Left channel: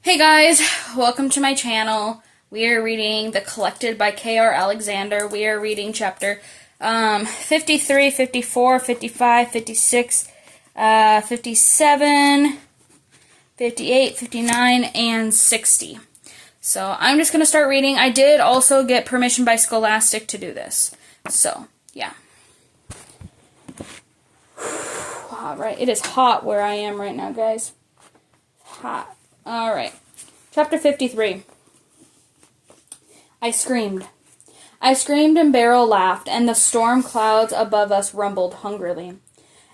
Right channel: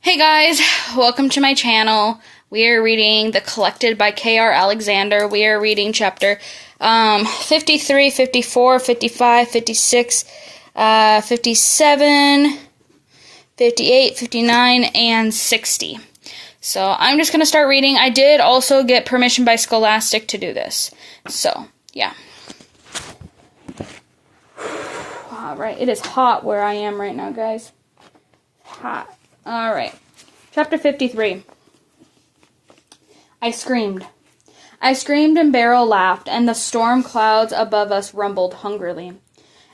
Hey guys, welcome to my channel. We are reading The Collected by K.R. Alexander. We are reading chapter 53, 54, 55, 56, 57, 58, 59, and 60. So I'm just going to start reading. I did also get permission by Scholastic to do this. So, yeah. Alright, it is hot where I am right now, guys. Hot. Alright. Chapter 53. I screamed. I screamed and Beryl laughed, and the storm clouds above us rumbled hungrily.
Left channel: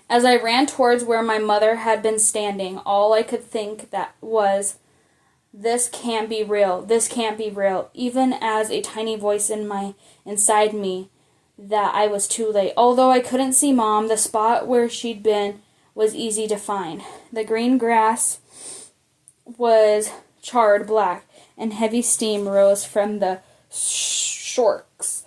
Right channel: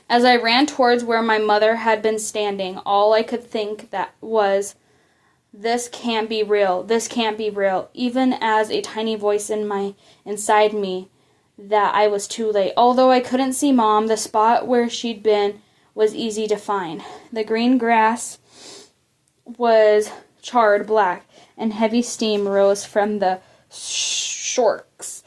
As I ran towards where my mother had been standing, all I could think that was, this can't be real, this can't be real, even as a tiny voice inside me that I was too late. Although I couldn't see Mom, the spot where she'd been was easy to find. The green grass was charred black, and heavy steam rose from the smarks.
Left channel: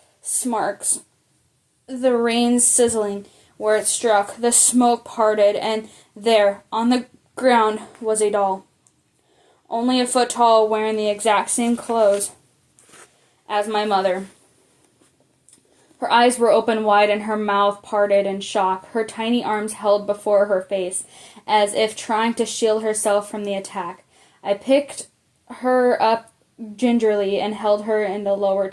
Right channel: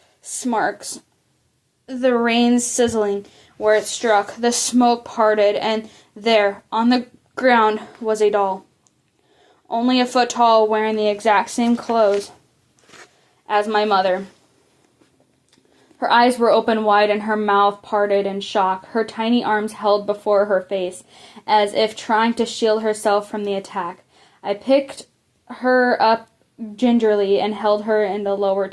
The rain sizzling where it struck, the smoke parted, and there, on the ground, was a doll. Only a foot tall, wearing the exact same clothes as my mother. Her eyes were open wide and her mouth parted in shock, her tiny arms held before her face, as if trying to shield herself from the attack. I picked her up gingerly and held her in the low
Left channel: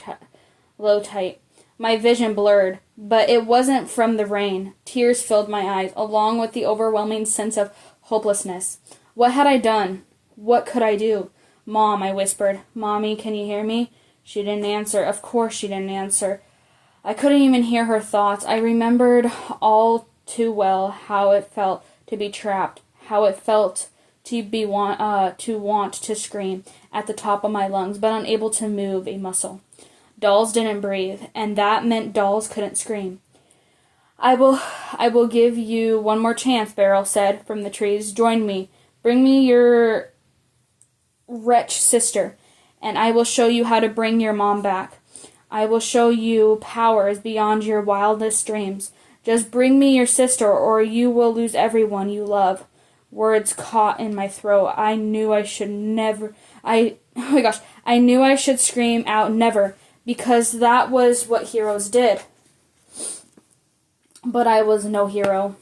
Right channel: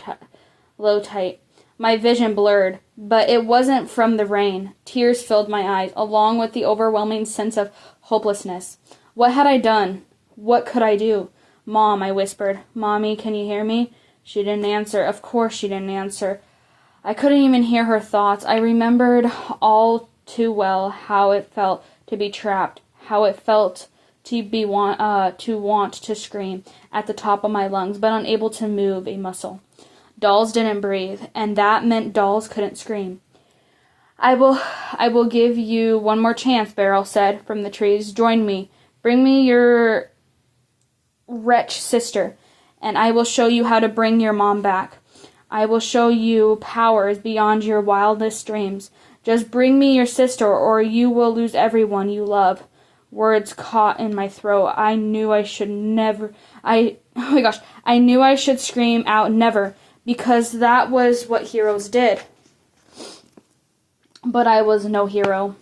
tight. My vision blurred, but it wasn't from the rain. Tears filled my eyes, along with the overwhelming sense of hopelessness. What had I done? What could I do? Mom, I whispered. Mommy, can you hear me? She didn't answer. Of course she didn't answer. I couldn't even hear her thoughts. I remembered all too well how it felt to be trapped, how it felt to want to scream at the top of my lungs, but unable to move a muscle. Dolls didn't breathe, and that meant dolls couldn't scream. I will give you one more chance, Beryl said from the trees. Join me. Bring me your wretched sister, and I will show you how to bring your mom back. I will show you powers beyond your wildest dreams. Just bring me your sister, or you will lose everyone you love. Words caught in my throat. I knew I should scream out never, because that was what heroes did. But I was no hero.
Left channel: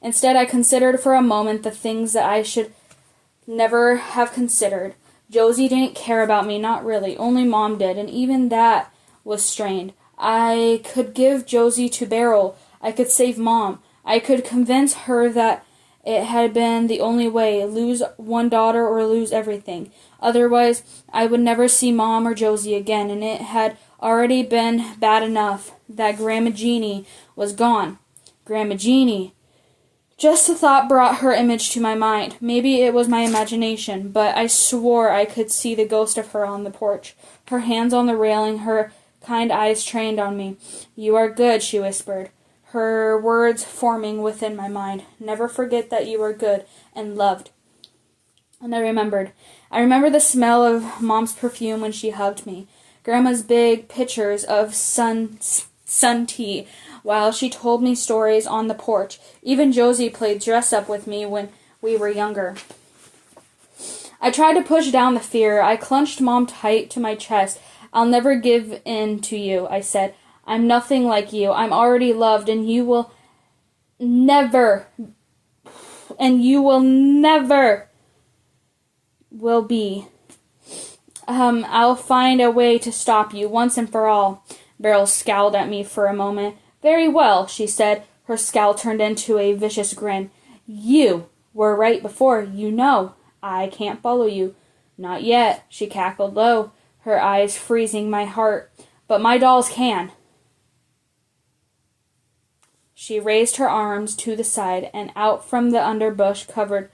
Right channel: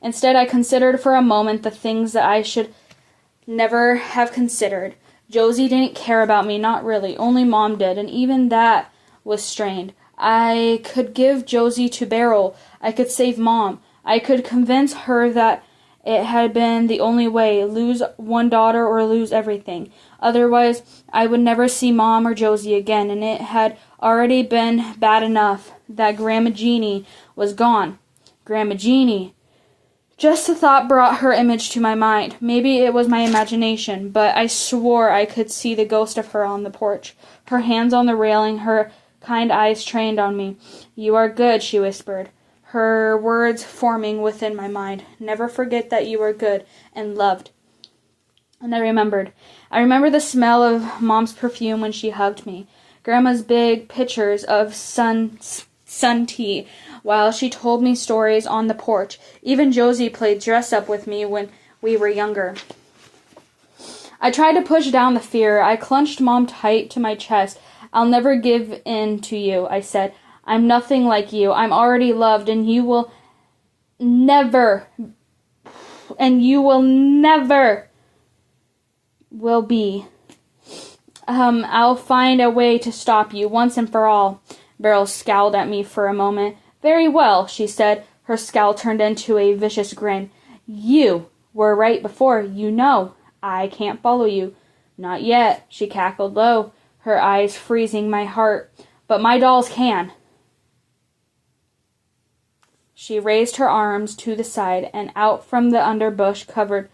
Instead, I considered for a moment the things that I should never have considered. Josie didn't care about me, not really. Only Mom did, and even that was strained. I could give Josie to Beryl. I could save Mom. I could convince her that it had been the only way, lose one daughter or lose everything. Otherwise, I would never see Mom or Josie again, and it had already been bad enough that Grandma Jeanie was gone. Grandma Jeanie. Just the thought brought her image to my mind. Maybe it was my imagination, but I swore I could see the ghost of her on the porch, her hands on the railing, her kind eyes trained on me. You are good, she whispered, her words forming within my mind. Never forget that you are good and loved. And I remembered. I remember the smell of Mom's perfume when she hugged me, Grandma's big pitchers of sun tea, while she told me stories on the porch. Even Josie played dress-up with me when we were younger. I tried to push down the fear. I clenched Mom tight to my chest. I'll never give in to you, I said. I'm nothing like you. I'm already loved, and you will never will be. I'll find a way to stop you once and for all. Beryl scowled at me for a moment. Very well, she said. Her scowl turned into a vicious grin. You were right before. You know. I can't follow you. Not yet, she cackled low, her eyes freezing my heart. But my dolls can. She raised her arms to the side, and out from the underbush covered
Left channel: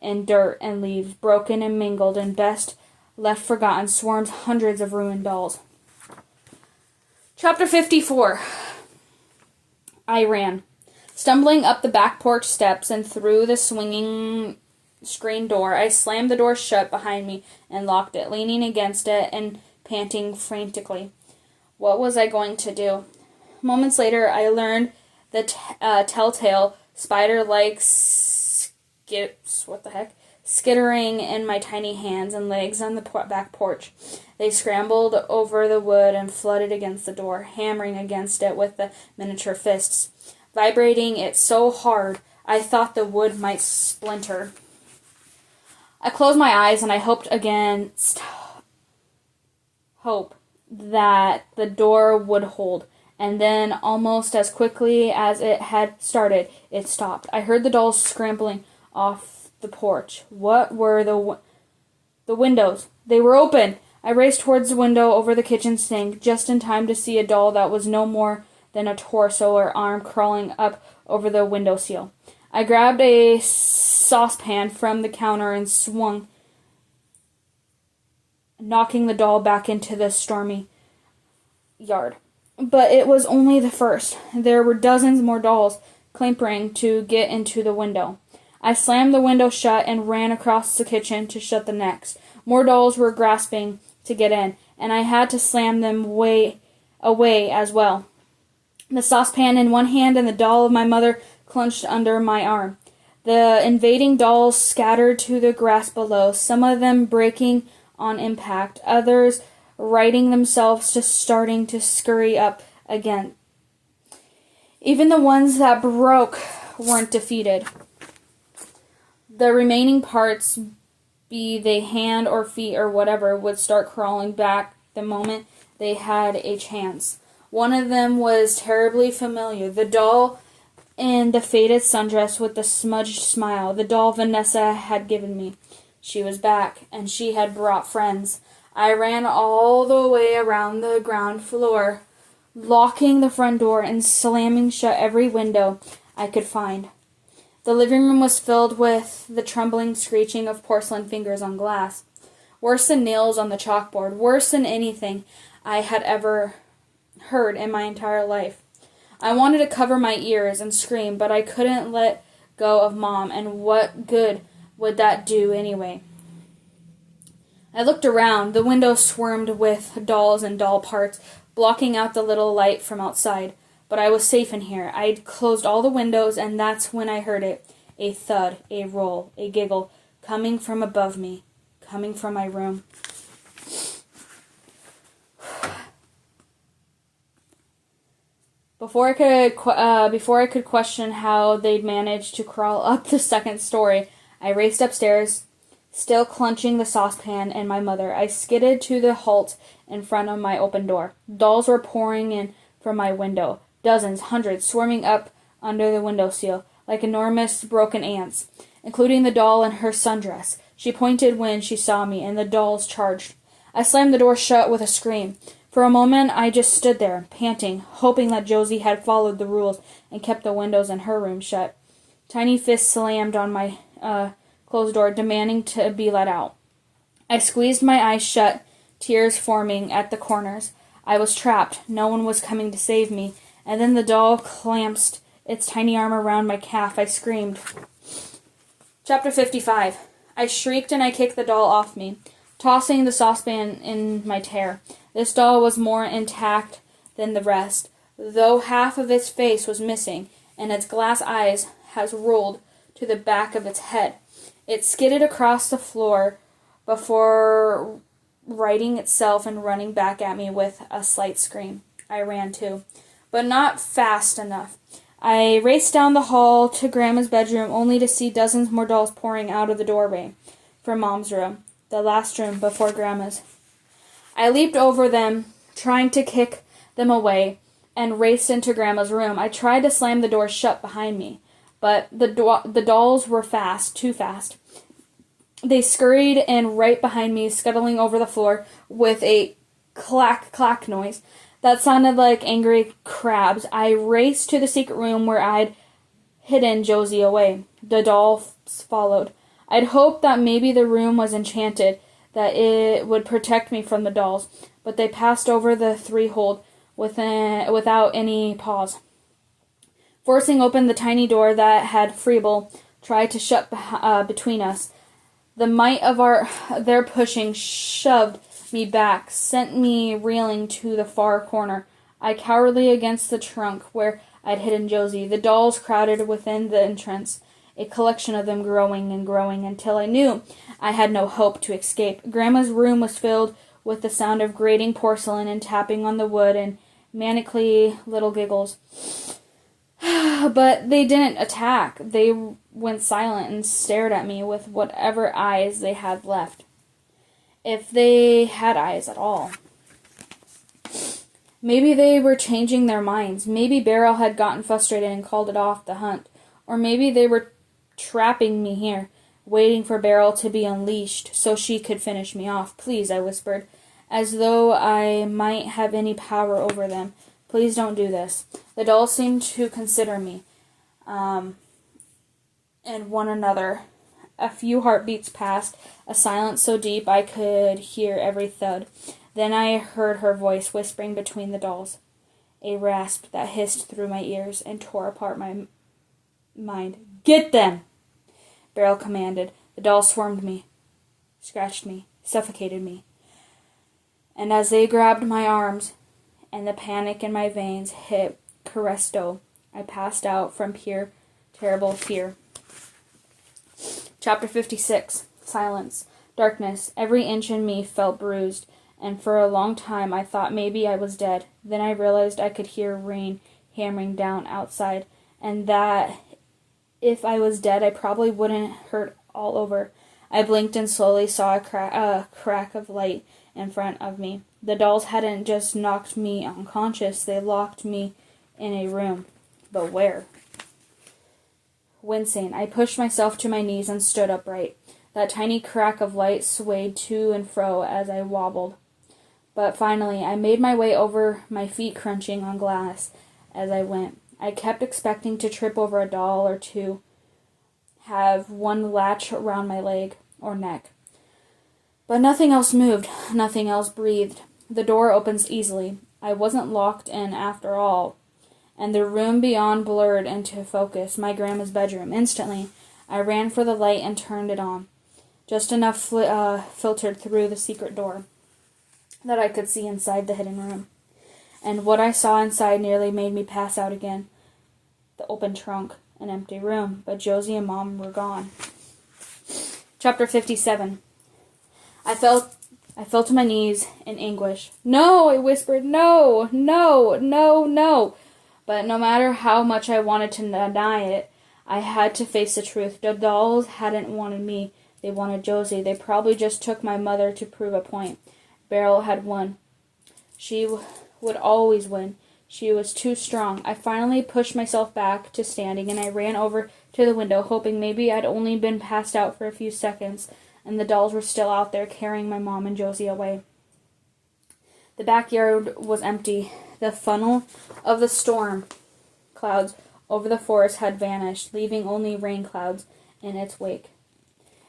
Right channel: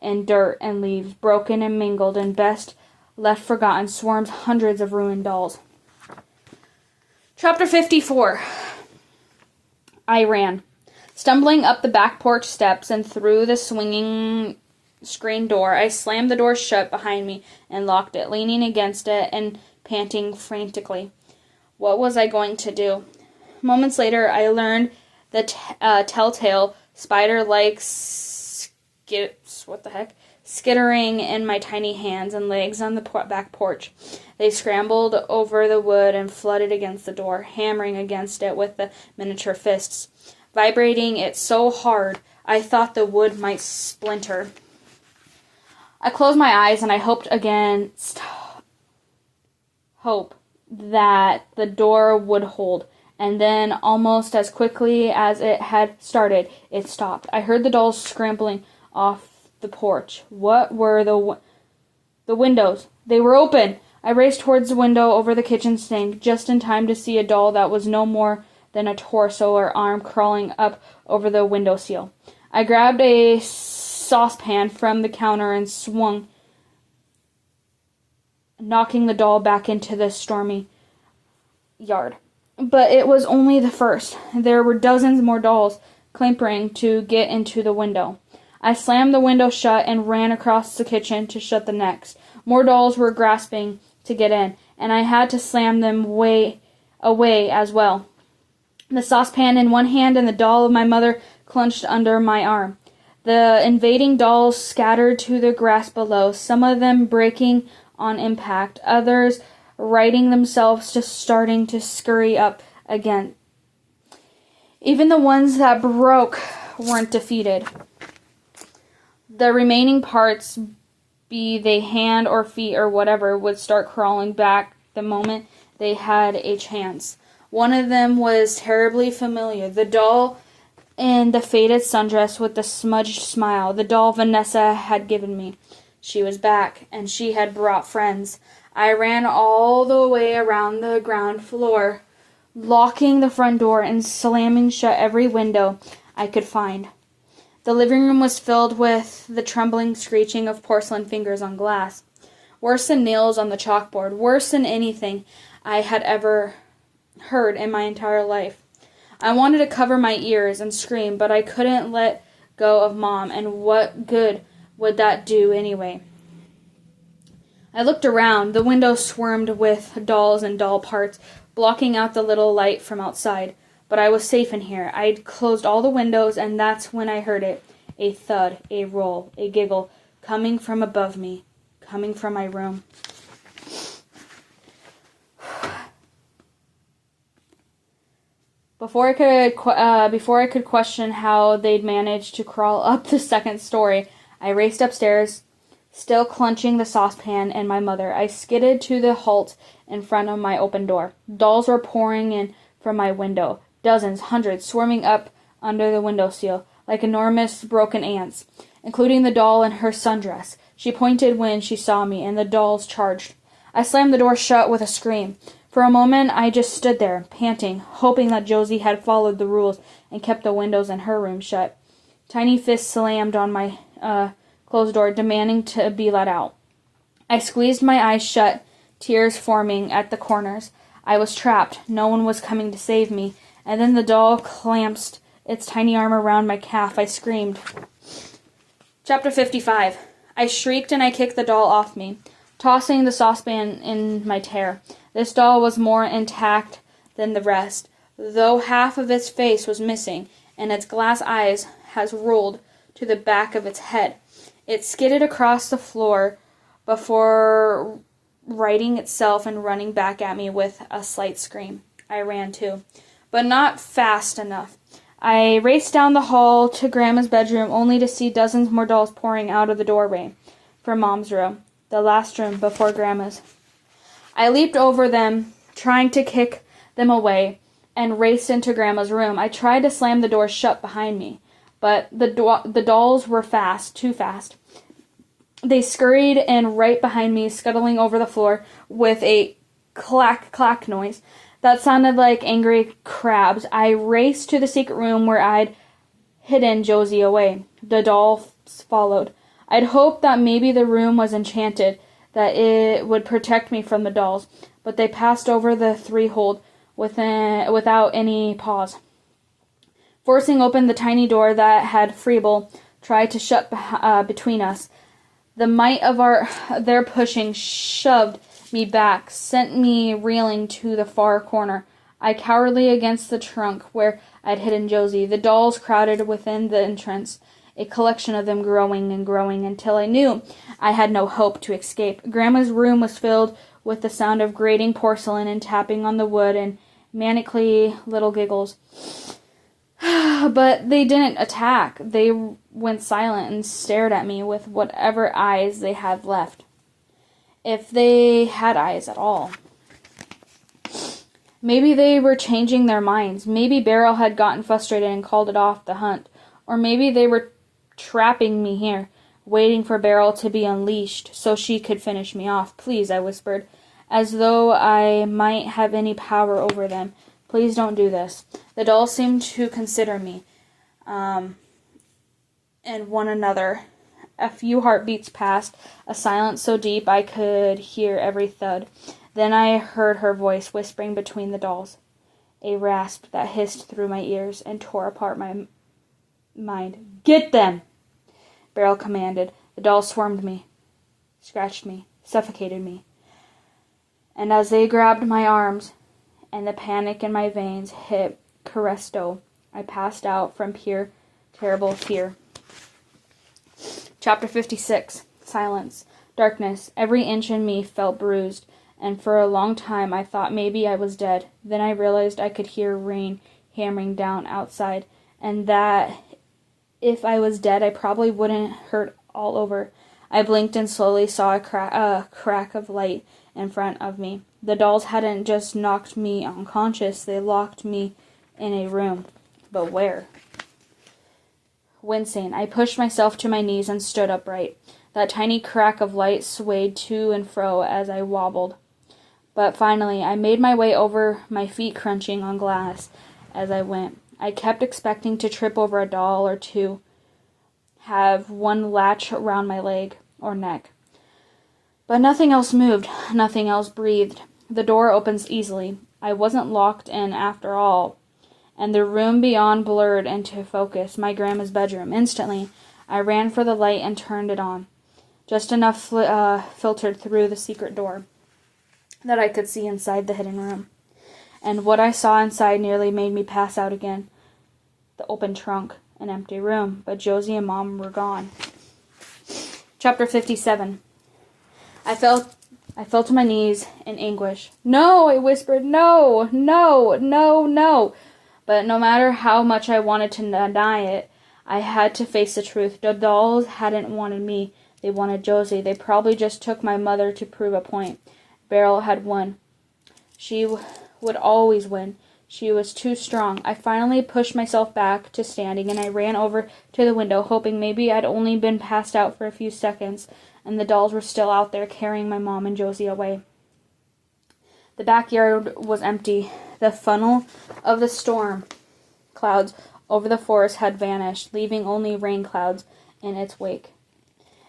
in dirt and leaves, broken and mingled and best left forgotten, swarmed hundreds of ruined dolls. Chapter 54. I ran, stumbling up the back porch steps and through the swinging screen door. I slammed the door shut behind me and locked it, leaning against it and panting frantically. What was I going to do? Moments later, I learned the telltale spider-like skittering in my tiny hands and legs on the back porch. They scrambled over the wood and flooded against the door, hammering against it with the miniature fists, vibrating it so hard I thought the wood might splinter. I closed my eyes and I hoped against hope that the door would hold. And then, almost as quickly as it had started, it stopped. I heard the dolls scrambling off the porch. What were the windows? They were open! I raced towards the window over the kitchen sink, just in time to see a doll that was no more than a torso or arm crawling up over the windowsill. I grabbed a saucepan from the counter and swung, knocking the doll back into the stormy yard. But it was only the first. There were dozens more dolls clambering to get into the window. I slammed the window shut and ran across the kitchen to shut the next. More dolls were grasping to get in, and I had to slam them away as well. The saucepan in one hand and the doll of my mother clenched under my arm. The invading dolls scattered to the grass below, some of them breaking on impact, others righting themselves to starting to scurry up again. Even the ones that broke weren't defeated. The remaining parts, be they hand or feet or whatever, would start crawling back the moment they had a chance. One of them was terribly familiar. The doll in the faded sundress with the smudged smile. The doll Vanessa had given me. She was back, and she had brought friends. I ran all the way around the ground floor, locking the front door and slamming shut every window I could find. The living room was filled with the trembling screeching of porcelain fingers on glass. Worse than nails on the chalkboard, worse than anything I had ever heard in my entire life. I wanted to cover my ears and scream, but I couldn't let go of Mom, and what good would that do anyway? I looked around. The window swarmed with dolls and doll parts, blocking out the little light from outside. But I was safe in here. I'd closed all the windows, and that's when I heard it. A thud, a roll, a giggle, coming from above me, coming from my room. Before I could question how they'd managed to crawl up the second story, I raced upstairs, still clutching the saucepan and my mother. I skidded to the halt in front of my open door. Dolls were pouring in from my window, dozens, hundreds, swarming up under the windowsill like enormous broken ants, including the doll in her sundress. She pointed when she saw me, and the dolls charged. I slammed the door shut with a scream. For a moment, I just stood there, panting, hoping that Josie had followed the rules and kept the windows in her room shut. Tiny fists slammed on my closed door, demanding to be let out. I squeezed my eyes shut, tears forming at the corners. I was trapped. No one was coming to save me. And then the doll clasped its tiny arm around my calf. I screamed. Chapter 55. I shrieked and I kicked the doll off me, tossing the saucepan in my terror. This doll was more intact than the rest, though half of its face was missing, and its glass eyes has rolled to the back of its head. It skidded across the floor before righting itself and running back at me with a slight scream. I ran too, but not fast enough. I raced down the hall to Grandma's bedroom, only to see dozens more dolls pouring out of the doorway from Mom's room, the last room before Grandma's. I leaped over them, trying to kick them away, and raced into Grandma's room. I tried to slam the door shut behind me, but the dolls were fast, too fast. They scurried in right behind me, scuttling over the floor with a clack-clack noise that sounded like angry crabs. I raced to the secret room where I'd hidden Josie away. The dolls followed. I'd hoped that maybe the room was enchanted, that it would protect me from the dolls, but they passed over the threshold without any pause. Forcing open the tiny door that had Freeble tried to shut between us, the might of their pushing shoved me back, sent me reeling to the far corner. I cowered against the trunk where I'd hidden Josie. The dolls crowded within the entrance, a collection of them growing and growing until I knew I had no hope to escape. Grandma's room was filled with the sound of grating porcelain and tapping on the wood and manically little giggles. But they didn't attack. They went silent and stared at me with whatever eyes they had left. If they had eyes at all. Maybe they were changing their minds. Maybe Beryl had gotten frustrated and called it off the hunt. Or maybe they were trapping me here, waiting for Beryl to be unleashed so she could finish me off. Please, I whispered, as though I might have any power over them. Please don't do this. The dolls seemed to consider me, and one another. A few heartbeats passed, a silence so deep I could hear every thud. Then I heard her voice whispering between the dolls, a rasp that hissed through my ears and tore apart my mind. Get them! Beryl commanded. The dolls swarmed me, scratched me, suffocated me. And as they grabbed my arms, and the panic in my veins hit Cresto, I passed out from pure, terrible fear. Chapter 56. Silence. Darkness. Every inch in me felt bruised, and for a long time I thought maybe I was dead. Then I realized I could hear rain hammering down outside, and that if I was dead I probably wouldn't hurt all over. I blinked and slowly saw a crack of light in front of me. The dolls hadn't just knocked me unconscious, they locked me in a room. But where? Wincing, I pushed myself to my knees and stood upright. That tiny crack of light swayed to and fro as I wobbled. But finally, I made my way over, my feet crunching on glass as I went. I kept expecting to trip over a doll or to have one latch around my leg or neck. But nothing else moved, nothing else breathed. The door opens easily. I wasn't locked in after all. And the room beyond blurred into focus, my grandma's bedroom. Instantly, I ran for the light and turned it on. Just enough filtered through the secret door that I could see inside the hidden room. And what I saw inside nearly made me pass out again. The open trunk, an empty room, but Josie and Mom were gone. Chapter 57. I fell to my knees in anguish. No, I whispered, no, no, no, no. But no matter how much I wanted to deny it, I had to face the truth. The dolls hadn't wanted me. They wanted Josie. They probably just took my mother to prove a point. Beryl had won. She would always win. She was too strong. I finally pushed myself back to standing, and I ran over to the window, hoping maybe I'd only been passed out for a few seconds, and the dolls were still out there carrying my mom and Josie away. The backyard was empty. The funnel of the storm clouds over the forest had vanished, leaving only rain clouds in its wake.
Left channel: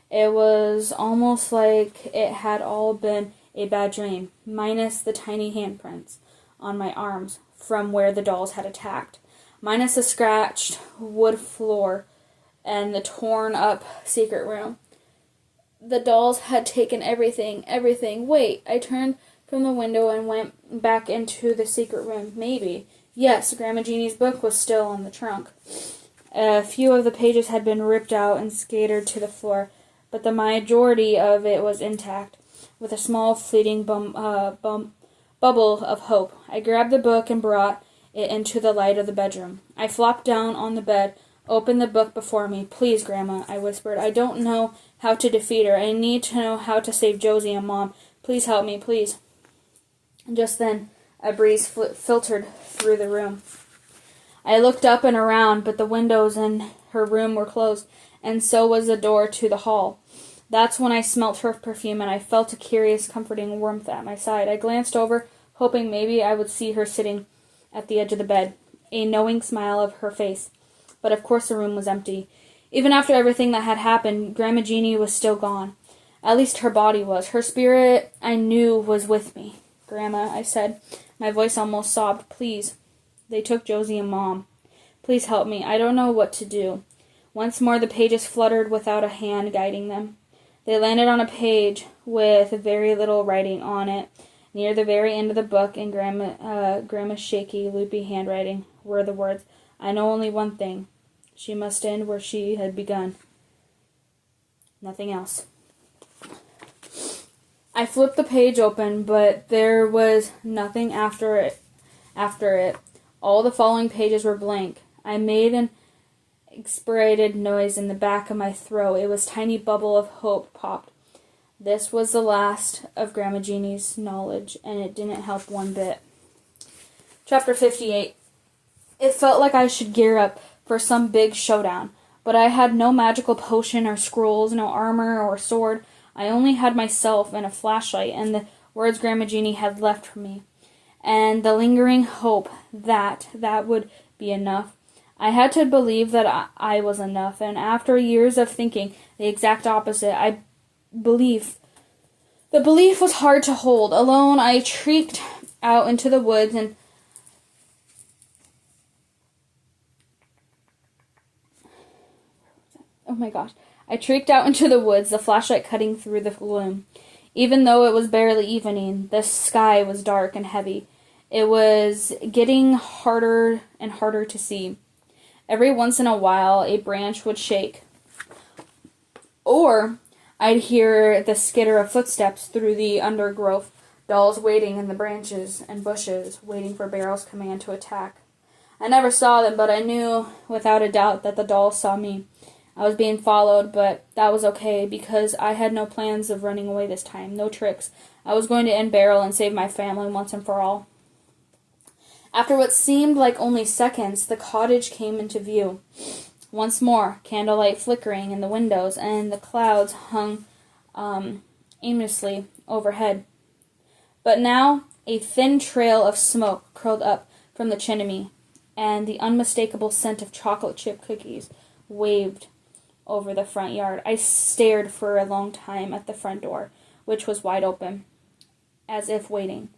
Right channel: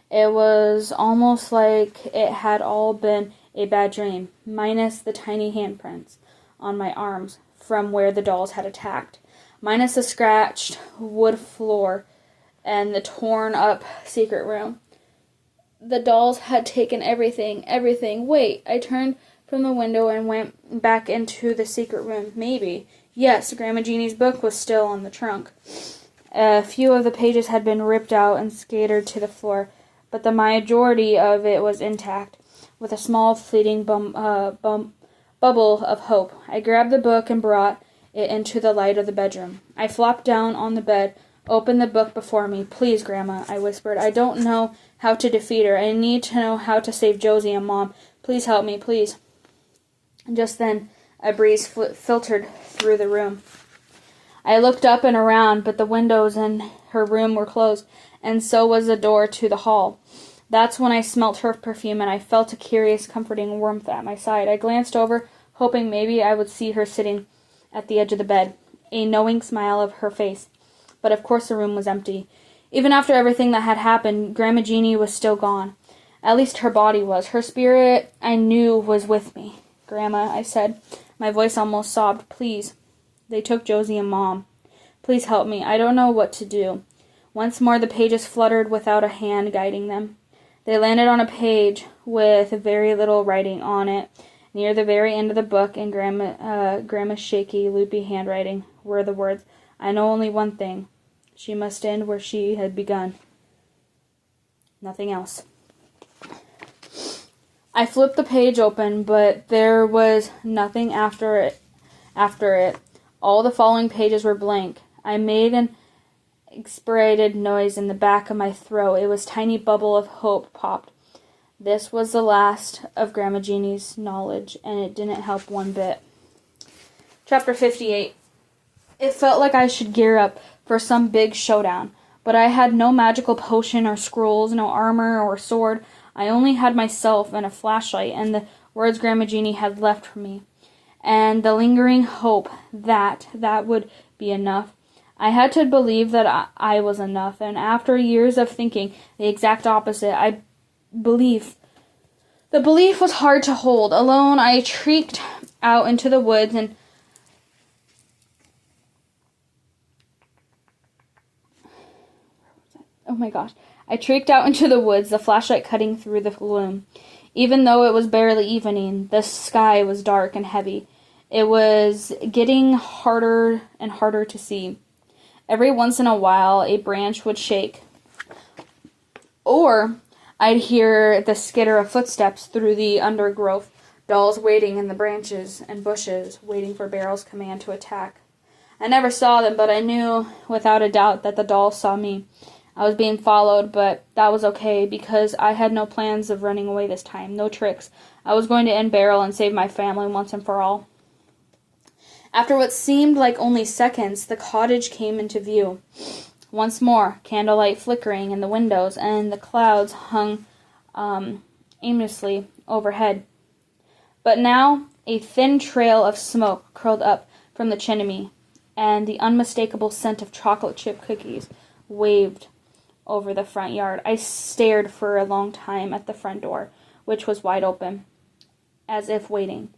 It was almost like it had all been a bad dream, minus the tiny handprints on my arms from where the dolls had attacked, minus the scratched wood floor and the torn-up secret room. The dolls had taken everything. Wait, I turned from the window and went back into the secret room. Maybe. Yes, Grandma Jeannie's book was still on the trunk. A few of the pages had been ripped out and scattered to the floor, but the majority of it was intact, with a small fleeting bubble of hope. I grabbed the book and brought it into the light of the bedroom. I flopped down on the bed, opened the book before me. Please, Grandma, I whispered. I don't know how to defeat her. I need to know how to save Josie and Mom. Please help me, please. Just then, a breeze filtered through the room. I looked up and around, but the windows in her room were closed, and so was the door to the hall. That's when I smelt her perfume, and I felt a curious, comforting warmth at my side. I glanced over, hoping maybe I would see her sitting at the edge of the bed, a knowing smile of her face. But of course the room was empty. Even after everything that had happened, Grandma Jeanie was still gone. At least her body was. Her spirit, I knew, was with me. Grandma, I said. My voice almost sobbed. Please. They took Josie and Mom. Please help me. I don't know what to do. Once more the pages fluttered without a hand guiding them. They landed on a page with very little writing on it. Near the very end of the book, in Grandma's shaky, loopy handwriting, were the words, I know only one thing. She must end where she had begun. Nothing else. I flipped the page open, but there was nothing after it. All the following pages were blank. I made an exasperated noise in the back of my throat. It was a tiny bubble of hope popped. This was the last of Grandma Jeannie's knowledge, and it didn't help one bit. Chapter 58. It felt like I should gear up for some big showdown, but I had no magical potion or scrolls, no armor or sword. I only had myself and a flashlight and the words Grandma Jeanie had left for me, and the lingering hope that would be enough. I had to believe that I was enough, and after years of thinking the exact opposite, the belief was hard to hold. Alone, I trekked out into the woods and I trekked out into the woods, the flashlight cutting through the gloom. Even though it was barely evening, the sky was dark and heavy. It was getting harder and harder to see. Every once in a while, a branch would shake, or I'd hear the skitter of footsteps through the undergrowth, dolls waiting in the branches and bushes, waiting for Beryl's command to attack. I never saw them, but I knew without a doubt that the dolls saw me. I was being followed, but that was okay, because I had no plans of running away this time, no tricks. I was going to end Beryl and save my family once and for all. After what seemed like only seconds, the cottage came into view. Once more, candlelight flickering in the windows, and the clouds hung aimlessly overhead. But now a thin trail of smoke curled up from the chimney, and the unmistakable scent of chocolate chip cookies waved over the front yard. I stared for a long time at the front door, which was wide open, as if waiting,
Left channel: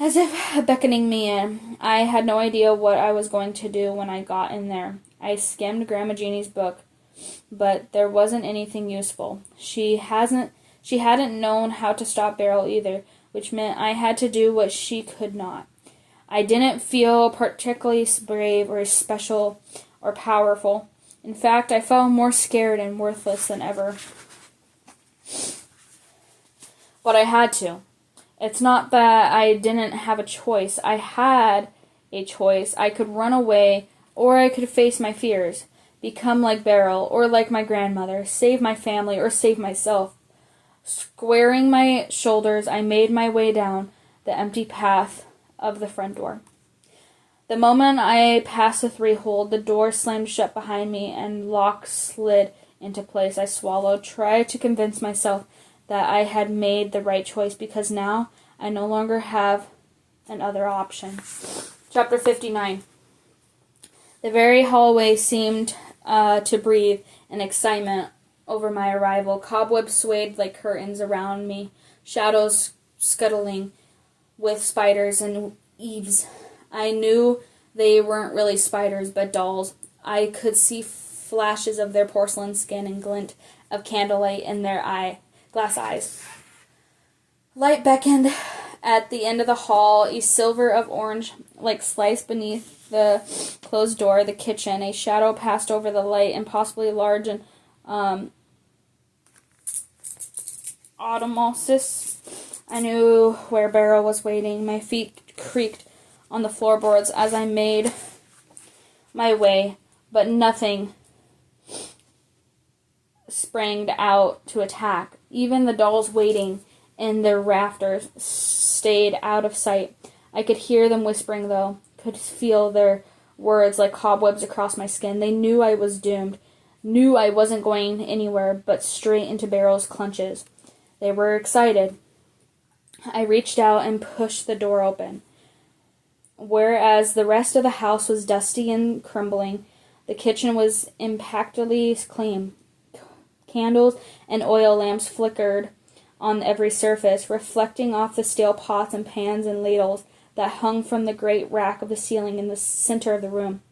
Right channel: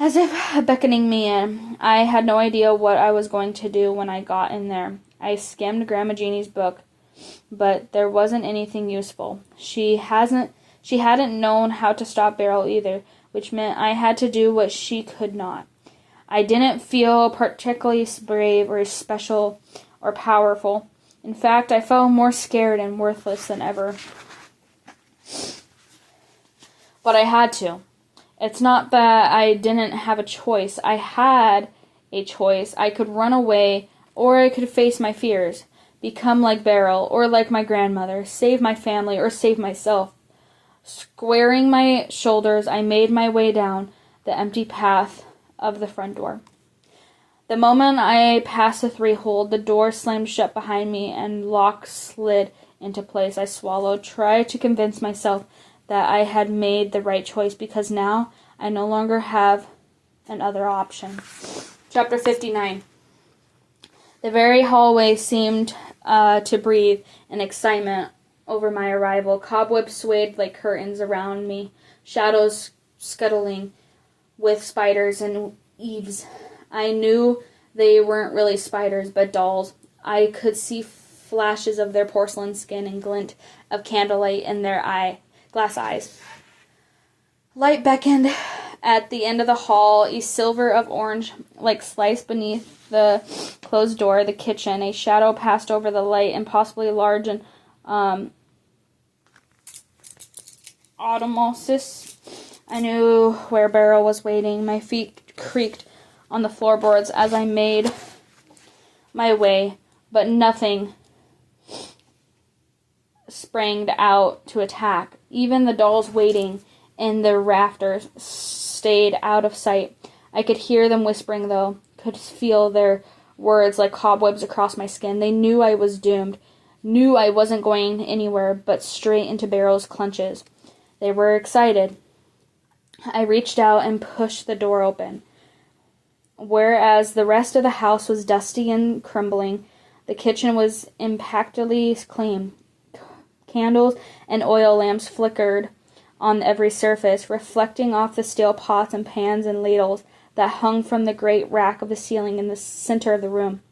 as if beckoning me in. I had no idea what I was going to do when I got in there. I skimmed Grandma Jeannie's book, but there wasn't anything useful. She hadn't known how to stop Beryl either, which meant I had to do what she could not. I didn't feel particularly brave or special or powerful. In fact, I felt more scared and worthless than ever. But I had to. It's not that I didn't have a choice. I had a choice. I could run away, or I could face my fears, become like Beryl, or like my grandmother, save my family, or save myself. Squaring my shoulders, I made my way down the empty path of the front door. The moment I passed the threshold, the door slammed shut behind me and lock slid into place. I swallowed, tried to convince myself that I had made the right choice, because now I no longer have another option. Chapter 59. The very hallway seemed to breathe in excitement over my arrival. Cobwebs swayed like curtains around me, shadows scuttling with spiders and eaves. I knew they weren't really spiders, but dolls. I could see flashes of their porcelain skin and glint of candlelight in their glass eyes. Light beckoned at the end of the hall, a silver of orange like slice beneath the closed door of the kitchen. A shadow passed over the light, impossibly large and automosis. I knew where Beryl was waiting. My feet creaked on the floorboards as I made my way, but nothing sprang out to attack. Even the dolls waiting in their rafters stayed out of sight. I could hear them whispering, though, could feel their words like cobwebs across my skin. They knew I was doomed, knew I wasn't going anywhere but straight into Beryl's clutches. They were excited. I reached out and pushed the door open. Whereas the rest of the house was dusty and crumbling, the kitchen was impeccably clean. Candles and oil lamps flickered on every surface, reflecting off the steel pots and pans and ladles that hung from the great rack of the ceiling in the center of the room.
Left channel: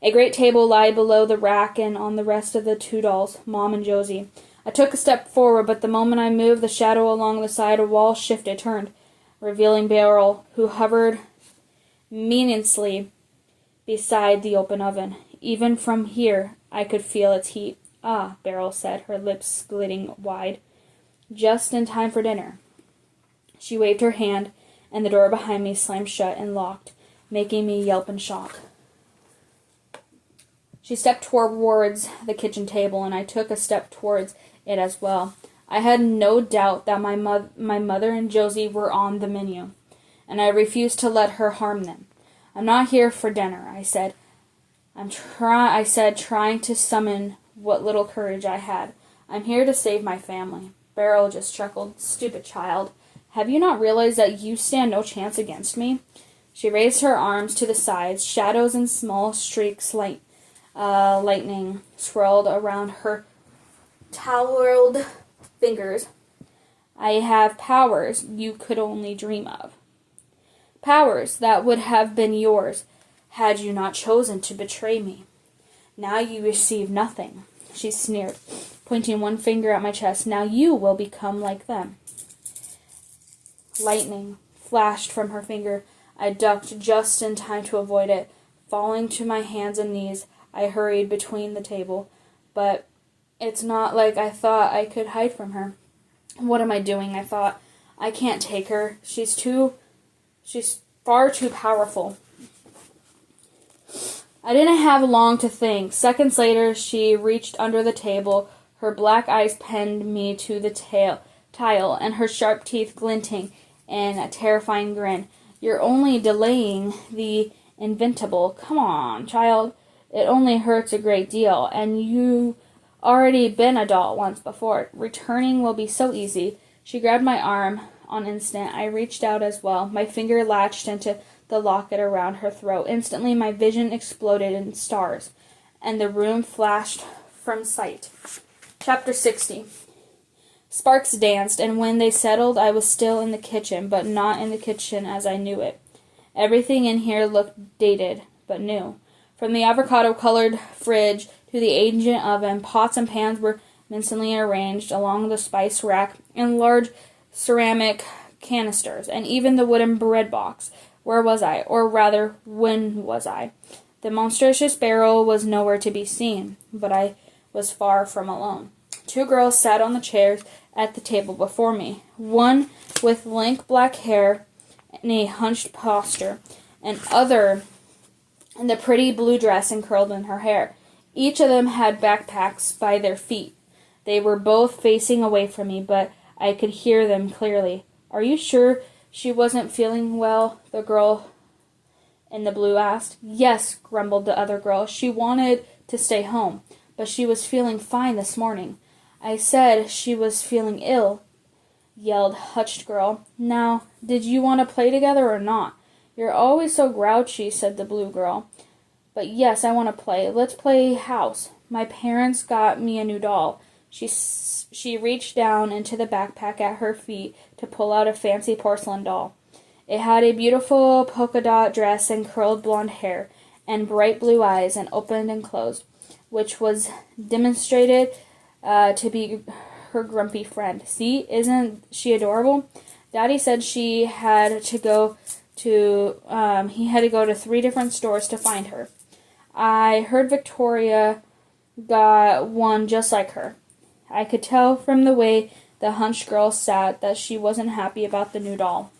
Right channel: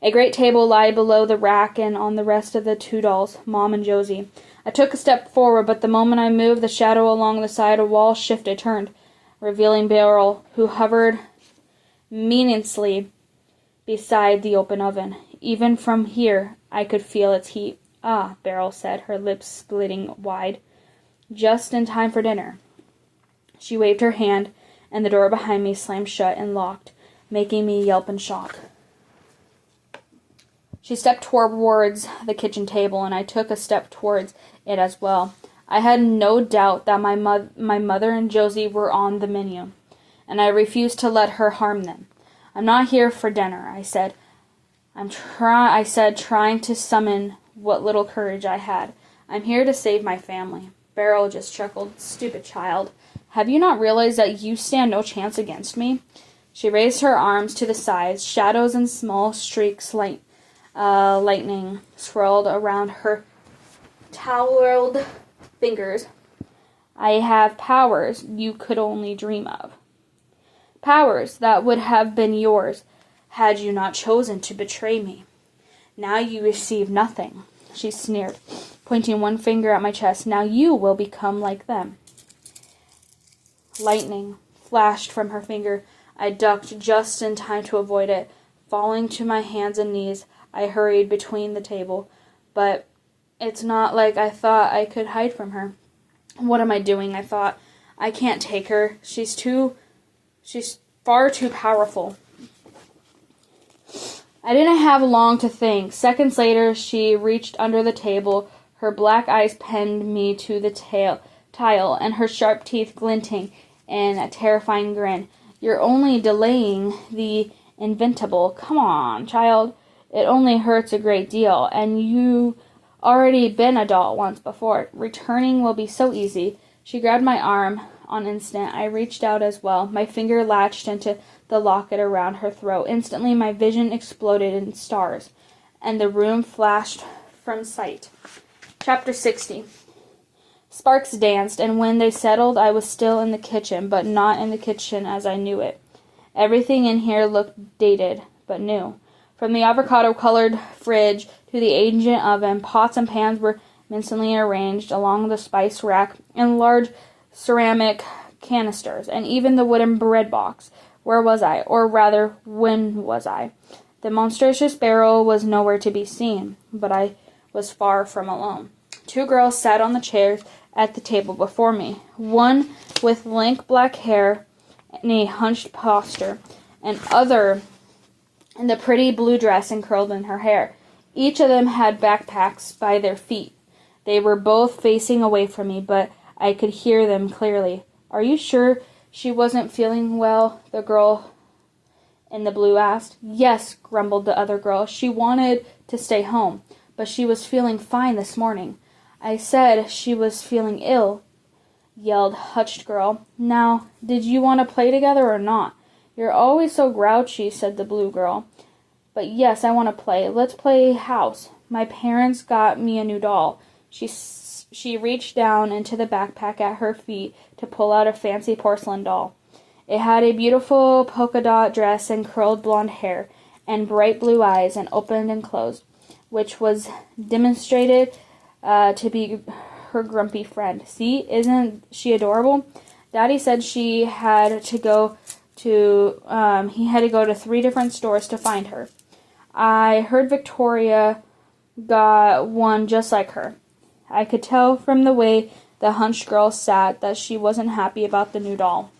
A great table lay below the rack, and on the rest of the two dolls, Mom and Josie. I took a step forward, but the moment I moved, the shadow along the side of the wall shifted, turned, revealing Beryl, who hovered meaninglessly beside the open oven. Even from here, I could feel its heat. Ah, Beryl said, her lips slitting wide. Just in time for dinner. She waved her hand, and the door behind me slammed shut and locked, making me yelp in shock. She stepped towards the kitchen table, and I took a step towards it as well. I had no doubt that my mother and Josie were on the menu, and I refused to let her harm them. I'm not here for dinner, I said. Trying to summon what little courage I had. I'm here to save my family. Beryl just chuckled. Stupid child. Have you not realized that you stand no chance against me? She raised her arms to the sides. Shadows and small streaks lightning swirled around her toweled fingers. I have powers you could only dream of. Powers that would have been yours had you not chosen to betray me. Now you receive nothing, she sneered, pointing one finger at my chest. Now you will become like them. Lightning flashed from her finger. I ducked just in time to avoid it. Falling to my hands and knees, I hurried between the table. But it's not like I thought I could hide from her. What am I doing? I thought. I can't take her. She's far too powerful. I didn't have long to think. Seconds later, she reached under the table. Her black eyes pinned me to the tile, and her sharp teeth glinting in a terrifying grin. You're only delaying the inevitable. Come on, child. It only hurts a great deal, and you've already been a doll once before. Returning will be so easy. She grabbed my arm on instant. I reached out as well. My finger latched into the locket around her throat. Instantly, my vision exploded in stars, and the room flashed from sight. Chapter 60. Sparks danced, and when they settled, I was still in the kitchen, but not in the kitchen as I knew it. Everything in here looked dated, but new. From the avocado-colored fridge to the ancient oven, pots and pans were mincingly arranged along the spice rack in large ceramic canisters, and even the wooden bread box. Where was I? Or rather, when was I? The monstrous barrel was nowhere to be seen, but I was far from alone. Two girls sat on the chairs at the table before me, one with lank black hair and a hunched posture, and other in the pretty blue dress and curled in her hair. Each of them had backpacks by their feet. They were both facing away from me, but I could hear them clearly. Are you sure she wasn't feeling well? The girl in the blue asked. Yes, grumbled the other girl. She wanted to stay home, but she was feeling fine this morning. I said she was feeling ill, yelled Hutched girl. Now, did you want to play together or not? You're always so grouchy, said the blue girl. But yes, I want to play. Let's play house. My parents got me a new doll. She reached down into the backpack at her feet to pull out a fancy porcelain doll. It had a beautiful polka dot dress and curled blonde hair and bright blue eyes and opened and closed, which was demonstrated to be her grumpy friend. See, isn't she adorable? Daddy said he had to go to 3 different stores to find her. I heard Victoria got one just like her. I could tell from the way the hunched girl sat that she wasn't happy about the new doll.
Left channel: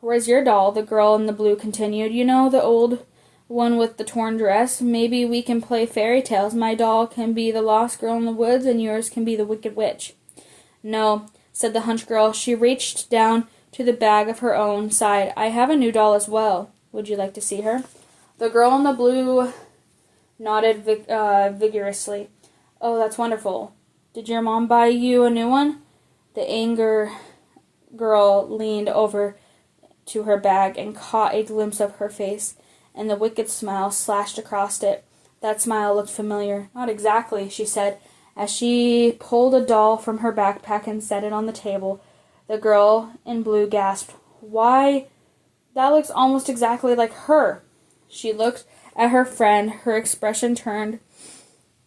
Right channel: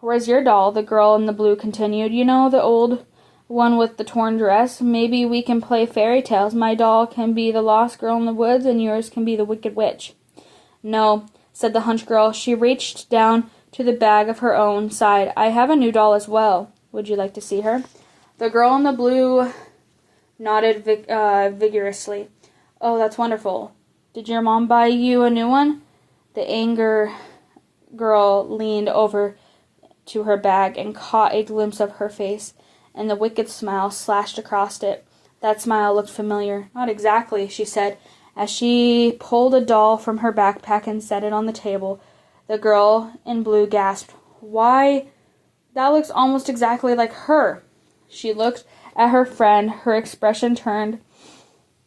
Where's your doll? The girl in the blue continued. You know, the old one with the torn dress? Maybe we can play fairy tales. My doll can be the lost girl in the woods, and yours can be the wicked witch. No, said the hunched girl. She reached down to the bag of her own side. I have a new doll as well. Would you like to see her? The girl in the blue nodded vigorously. Oh, that's wonderful. Did your mom buy you a new one? The anger girl leaned over to her bag and caught a glimpse of her face, and the wicked smile slashed across it. That smile looked familiar. Not exactly, she said, as she pulled a doll from her backpack and set it on the table. The girl in blue gasped. Why, that looks almost exactly like her. She looked at her friend. Her expression turned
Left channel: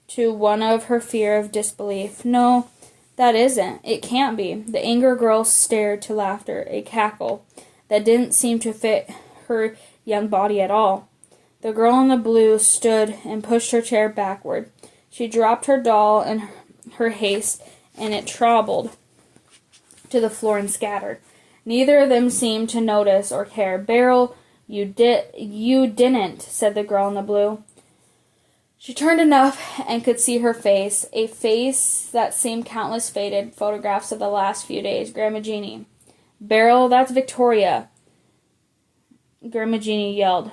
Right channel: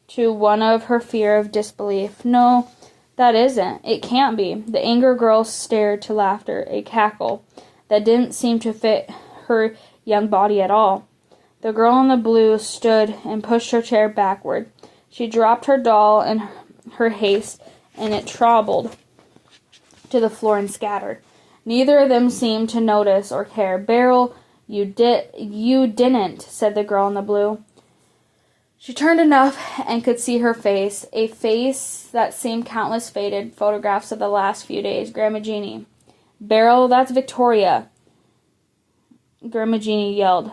to one of her fear of disbelief. No, that isn't. It can't be. The anger girl stared to laughter, a cackle that didn't seem to fit her young body at all. The girl in the blue stood and pushed her chair backward. She dropped her doll in her haste, and it trombled to the floor and scattered. Neither of them seemed to notice or care. "Beryl, you didn't," said the girl in the blue. She turned enough and could see her face, a face that seemed countless faded photographs of the last few days. "Grandma Jeanie." "Beryl, that's Victoria," Grandma Jeanie yelled,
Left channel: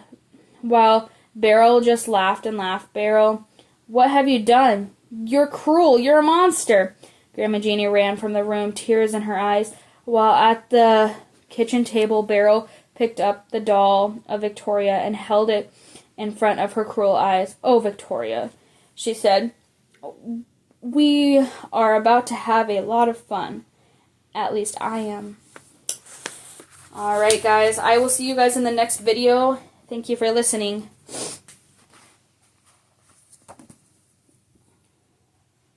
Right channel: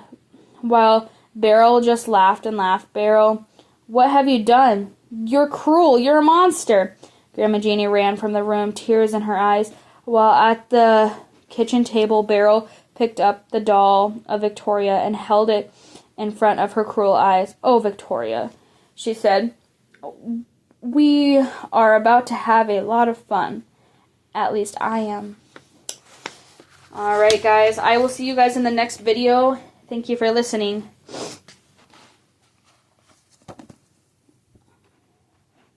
while Beryl just laughed and laughed. "Beryl, what have you done? You're cruel. You're a monster." Grandma Jeanie ran from the room, tears in her eyes, while at the kitchen table Beryl picked up the doll of Victoria and held it in front of her cruel eyes. "Oh, Victoria," she said, "we are about to have a lot of fun. At least I am." Alright, guys, I will see you guys in the next video. Thank you for listening.